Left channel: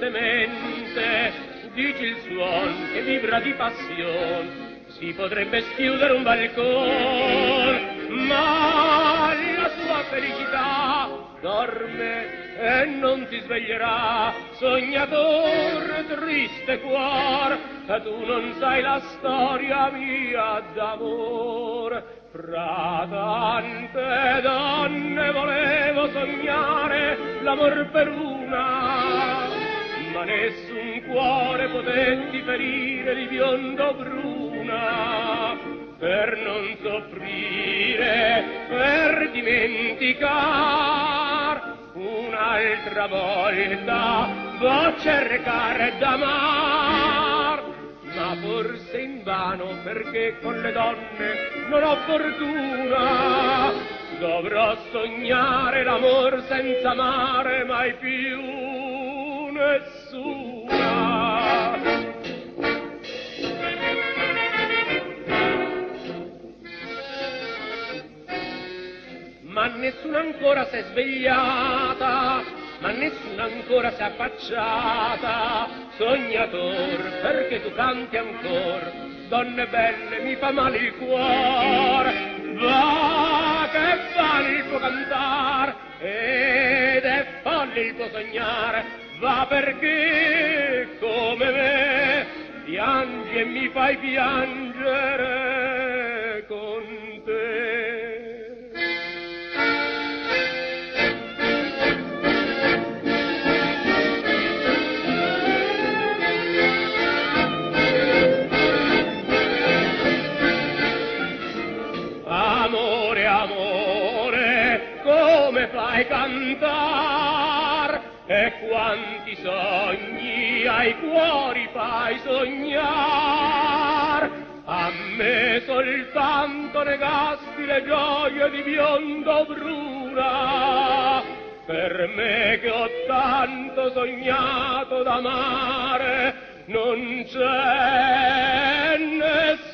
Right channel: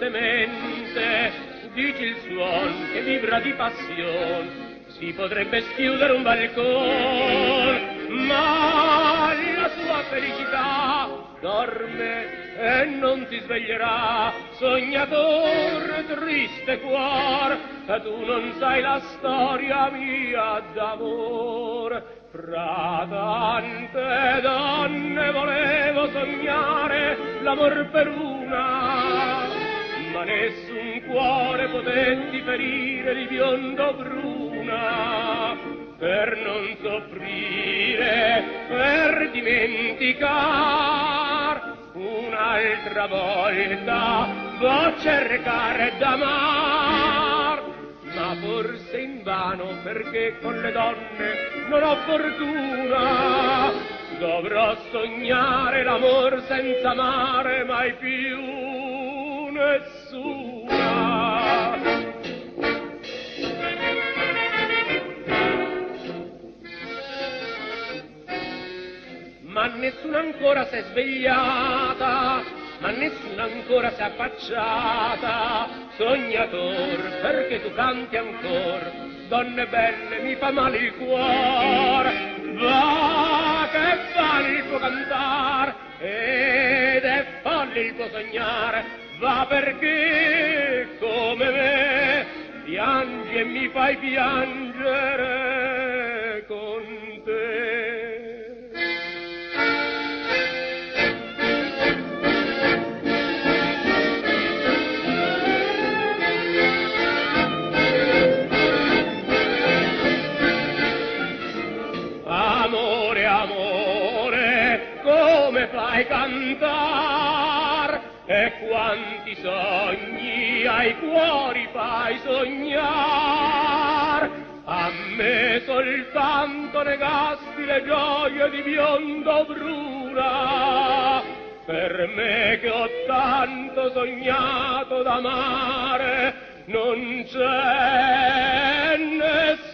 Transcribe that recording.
semente, dici il suon che vibra di passione, si potrebbe schiudere un balcone, ma la tua felicità dorme e non ti sveglierà, sognatore, triste cuor, e tu non sai la storia mia d'amor. Fra tante donne volevo sognare l'amor per una, ma nessun cuore potetti ferire di biondo bruna, per non soffrire, per dimenticar un'altra volta va cercare d'amar, ma forse invano, perché con le donne non ho fortuna, dovrò sognare l'amor senza amare mai più nessuna. Ma nessuna ancora s'è svegliata, ma nessuna ancora s'è affacciata, sognator, perché tu canti ancor, donne belle mi fa male il cuore, va che vale il tuo cantar, ed è folle il tuo sognare, va perché come me piangi e mi fai piangere con te. Amore, amore, come fai cantar, e quanti sogni ai cuori fai sognar, a me soltanto negasti le gioie di biondo bruna, per me che ho tanto sognato d'amare, non c'è nessuno.